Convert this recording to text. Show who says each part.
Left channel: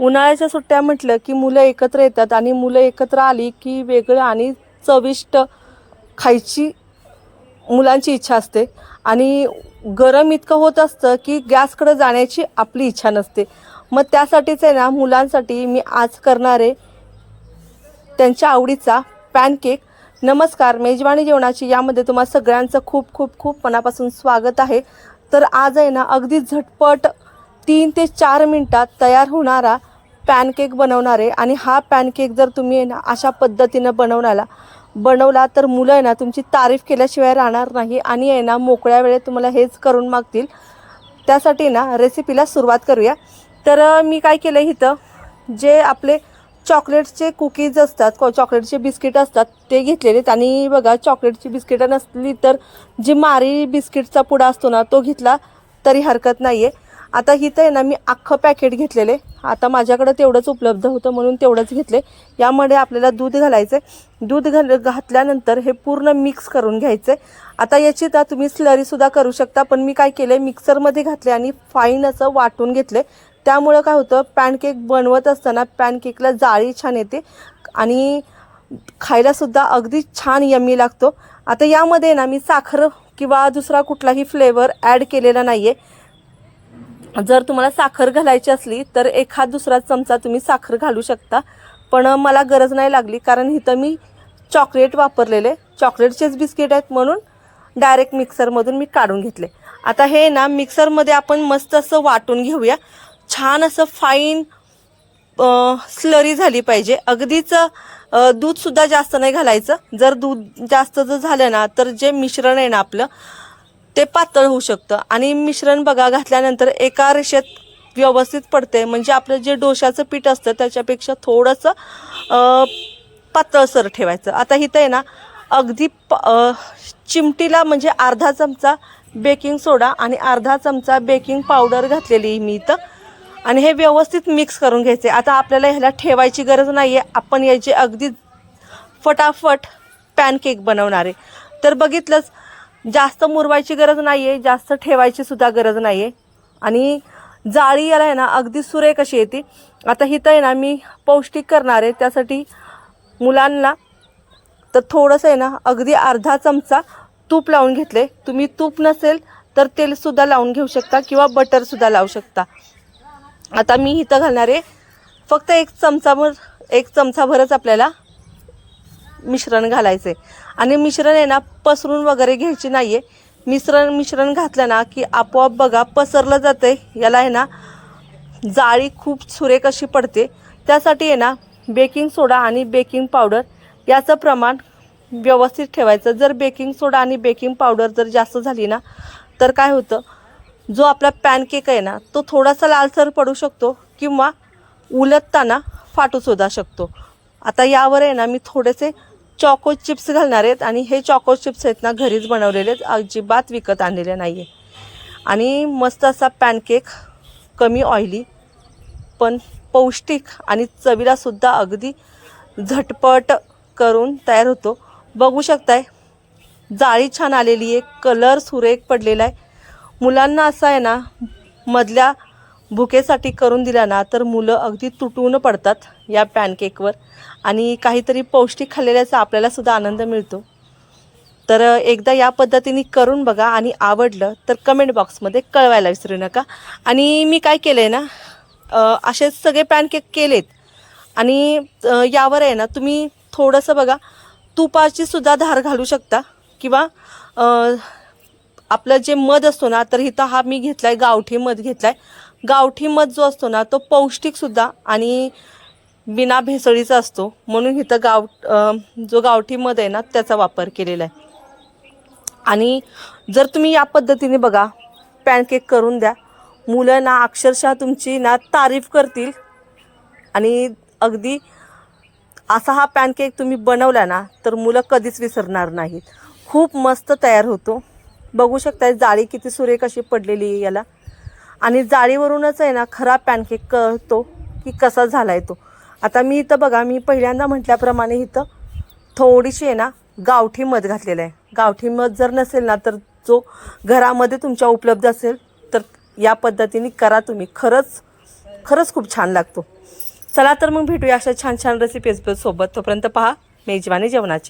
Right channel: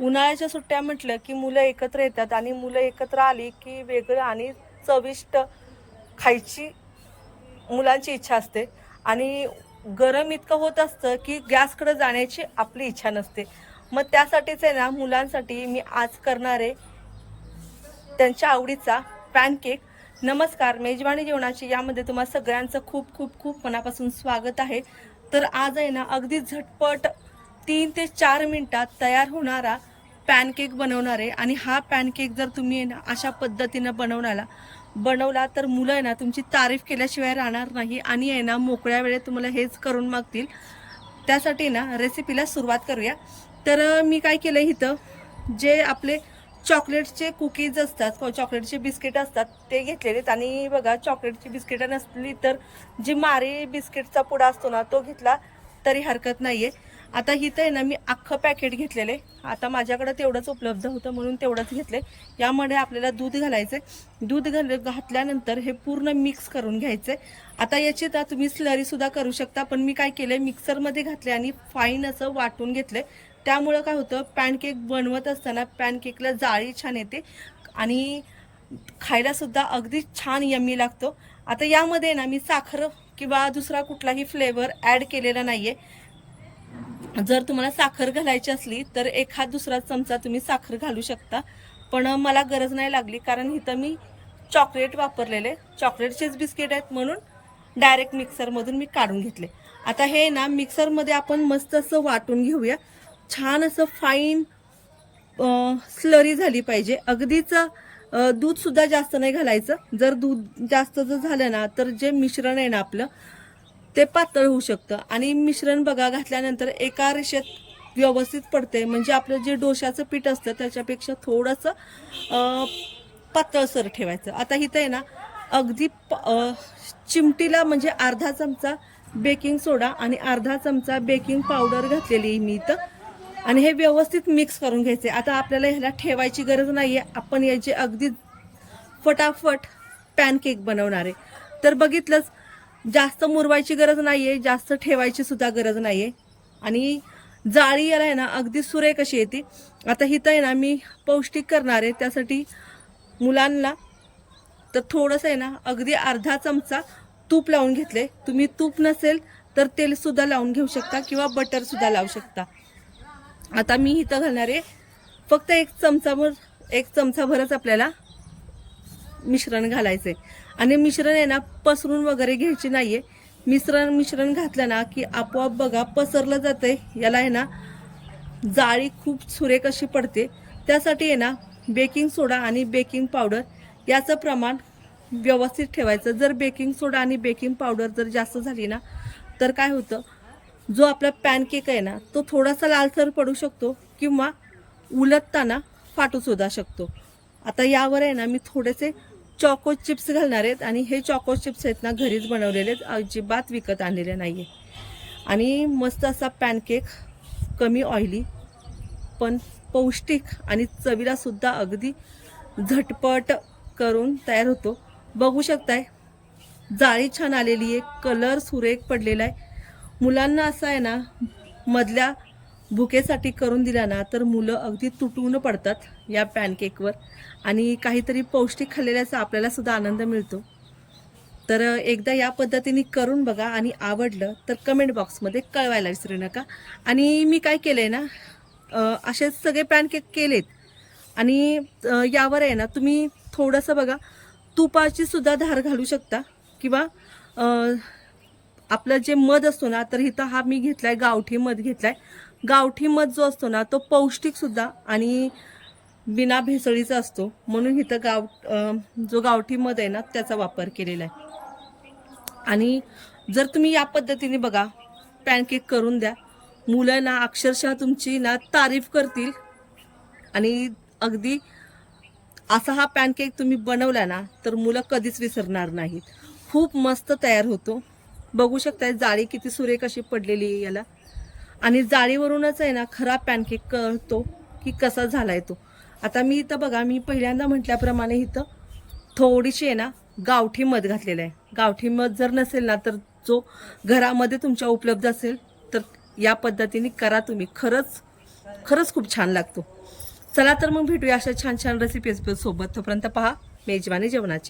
Speaker 1: उन्हाळ्याच्या सुट्ट्या म्हटलं की मुलं एकत्र येतात आणि मुलं एकत्र आली की वेगळं आणि चविष्ट खायची मुलांची इच्छा असते. आणि गरम इतकं होत असतं की गॅसकडे जाण्याची आपली इच्छा नसते. मग त्यासाठीच आहे ना मुलांसाठी मी आज करणारे त्यांच्या आवडीचा पॅनकेक. नमस्कार मेजवानी जेवणाची यामध्ये तुम्हाला सगळ्यांचं खूप खूप खूप मनापासून स्वागत आहे. तर आज आहे ना अगदी झटपट तीन ते चार मिनटात तयार होणारा पॅनकेक बनवणार आहे आणि हा पॅनकेक जर तुम्ही आहे ना अशा पद्धतीनं बनवण्याला बनवला तर मुलं आहे ना तुमची तारीफ केल्याशिवाय राहणार नाही आणि आहे ना मोकळ्या वेळेत तुम्हाला हेच करून मागतील. त्यासाठी ना रेसिपीला सुरुवात करूया. तर मी काय केलं इथं? जे आपले चॉकलेटचे कुकीज असतात चॉकलेटचे बिस्किट असतात ते घेतलेले आहेत आणि बघा चॉकलेटची बिस्किटं नसली तर जी मारी बिस्किटचा पुडा असतो ना तो घेतला तरी हरकत नाही आहे आता इथं आहे ना मी अख्खं पॅकेट घेतलेले. आता माझ्याकडं तेवढंच उपलब्ध होतं म्हणून तेवढंच घेतले. यामध्ये आपल्याला दूध घालायचं आहे दूध घाल घातल्यानंतर हे पूर्ण मिक्स करून घ्यायचं आहे आता याची तर तुम्ही स्लरीसुद्धा करू शकता पण मी काय केलं मिक्सरमध्ये घातले आणि फाईन असं वाटून घेतले त्यामुळं काय होतं पॅनकेक बनवत असताना पॅनकेकला जाळी छान येते आणि खायलासुद्धा अगदी छान यम्मी लागतो. आता यामध्ये ना मी साखर किंवा दुसरा कुठलाही फ्लेवर ॲड केलेला नाही आहे जर तुम्हाला साखर घालायची असली तर एखाद दुसरा चमचा तुम्ही साखर घालू शकता. पण मला गरज नाही लागली कारण इथं मी चॉकलेट वापरलेले. चॉकलेटचेच बिस्किट आहेत म्हणून डायरेक्ट मिक्सरमधून मी काढून घेतले. आता हे ना मिक्सरमध्ये आपण मस्त असं वाटून घेऊया. छान असं फाईन स्लरी झाली पाहिजे. अगदीच दूधसुद्धा जास्त नाही घालायचं. जर दूध जास्त जर झालं ना तर जे मिश्रण आहे ना आपलं ते पातळ होऊ शकतं. आणि मिश्रण बघा घातल्यानंतर एका रेषेत व्यवस्थित पडते म्हणजे आपलं जे डोशाचं पीठ असतं त्याच्यापेक्षा थोडंसं पातळसर ठेवायचं. आता इथं आहे ना अगदी प चिमटीला म्हणजे अर्धा चमचा बेकिंग सोडा आणि अर्धा चमचा बेकिंग पावडर घातलेली आहे मी इथं. आणि हे व्यवस्थित मिक्स करून घ्यायचे. आता आपल्याला ह्याला ठेवायची गरज नाही आहे आपण याची अगदी फटाफट पॅनकेक बनवणार आहे. तर बघितलंच जास्त मुरवायची गरज नाही आहे जास्त ठेवायची सुद्धा गरज नाही आहे आणि जाळी याला आहे ना अगदी सुरेख अशी येते. आता हिथं आहे ना मी पौष्टिक करणार आहे त्यासाठी मुलांना तर थोडंसं आहे ना अगदी अर्धा चमचा तूप लावून घेतले तुम्ही तूप नसेल तर तेलसुद्धा लावून घेऊ शकता किंवा बटरसुद्धा लावू शकता. आता मी इथं घालणार आहे फक्त एक चमचाभर एक चमचाभरच आपल्याला मिश्रण घालायचं आहे आणि मिश्रण आहे ना पसरून वगैरे घ्यायची नाही आहे मिश्रण मिश्रण घातलं ना की आपोआप बघा पसरलं जातं आहे याला आहे ना जाळी खूप सुरेख अशी पडते. त्यासाठी आहे ना बेकिंग सोडा आणि बेकिंग पावडर याचं प्रमाण व्यवस्थित ठेवायचं. जर बेकिंग सोडा आणि बेकिंग पावडर जर जास्त झाली ना तर काय होतं जो आपला पॅनकेक आहे ना तो थोडासा लालसर पडू शकतो किंवा उलटताना फाटू फाटूसुद्धा शकतो. आता यावर आहे ना मी थोडेसे चॉको चिप्स घालणार आहेत आणि हे चॉको चिप्स आहेत ना घरीच बनवलेले आहेत. अजिबात विकत आणलेले नाही आहे आणि मस्त असा पॅनकेक कमी ऑइली पण पौष्टिक आणि चवीलासुद्धा अगदी झटपट करून तयार होतो. बघू शकताय जाळी छान आलेली आहे कलर सुरेख पडलेला आहे. मुलांना असं आहे ना मधल्या भुकेसाठी करून दिला ना तर मुलं अगदी तुटून पडतात या पॅनकेकवर. आणि काहीतरी पौष्टिक खाल्लेल्याचा आपल्याला सुद्धा आनंद मिळतो. तर एकदा या पद्धतीने करून बघा आणि आवडलं तर कमेंट बॉक्समध्ये कळवायला विसरू नका. आणि मी काय केलं आहे ना अ, असेच सगळे पॅनकेक केलेत. आणि यावर आहे ना तुम्ही थोडंसं बघा तुपाची सुद्धा धार घालू शकता किंवा आपलं जे मध असतो ना तर इथं हा मी घेतला आहे गावठी मध घेतला आहे गावठी मध जो असतो ना तो पौष्टिकसुद्धा आणि बिना भेसळीचा असतो. म्हणून इथं गाव जो गावठी मध आहे ना त्याचा वापर केलेला आहे. आणि जर तुम्ही या पद्धतीने बघा पॅनकेक करून द्या. मुलं ना अक्षरशः तुमची ना तारीफ करतील. आणि अगदी असा हा पॅनकेक तुम्ही बनवला ना तर मुलं कधीच विसरणार नाहीत. खूप मस्त तयार होतो. बघू शकताय जाळी किती सुरेख अशी पडलेली आहे याला. आणि जाळीवरूनच आहे ना खरा पॅनकेक कळतो की कसा झाला आहे तो. आता मी इथं बघा मी पहिल्यांदा म्हटल्याप्रमाणे इथं थोडीशी आहे ना गावठी मध घातलेलं आहे. गावठी मध जर नसेल ना तर जो घरामध्ये तुमच्या उपलब्ध असेल तर या पद्धतीने करा तुम्ही. खरंच खरंच खूप छान लागतो. चला तर मग भेटूया अशा छान छान रेसिपीज सोबत. तोपर्यंत पहा मेजवानी जेवणाची.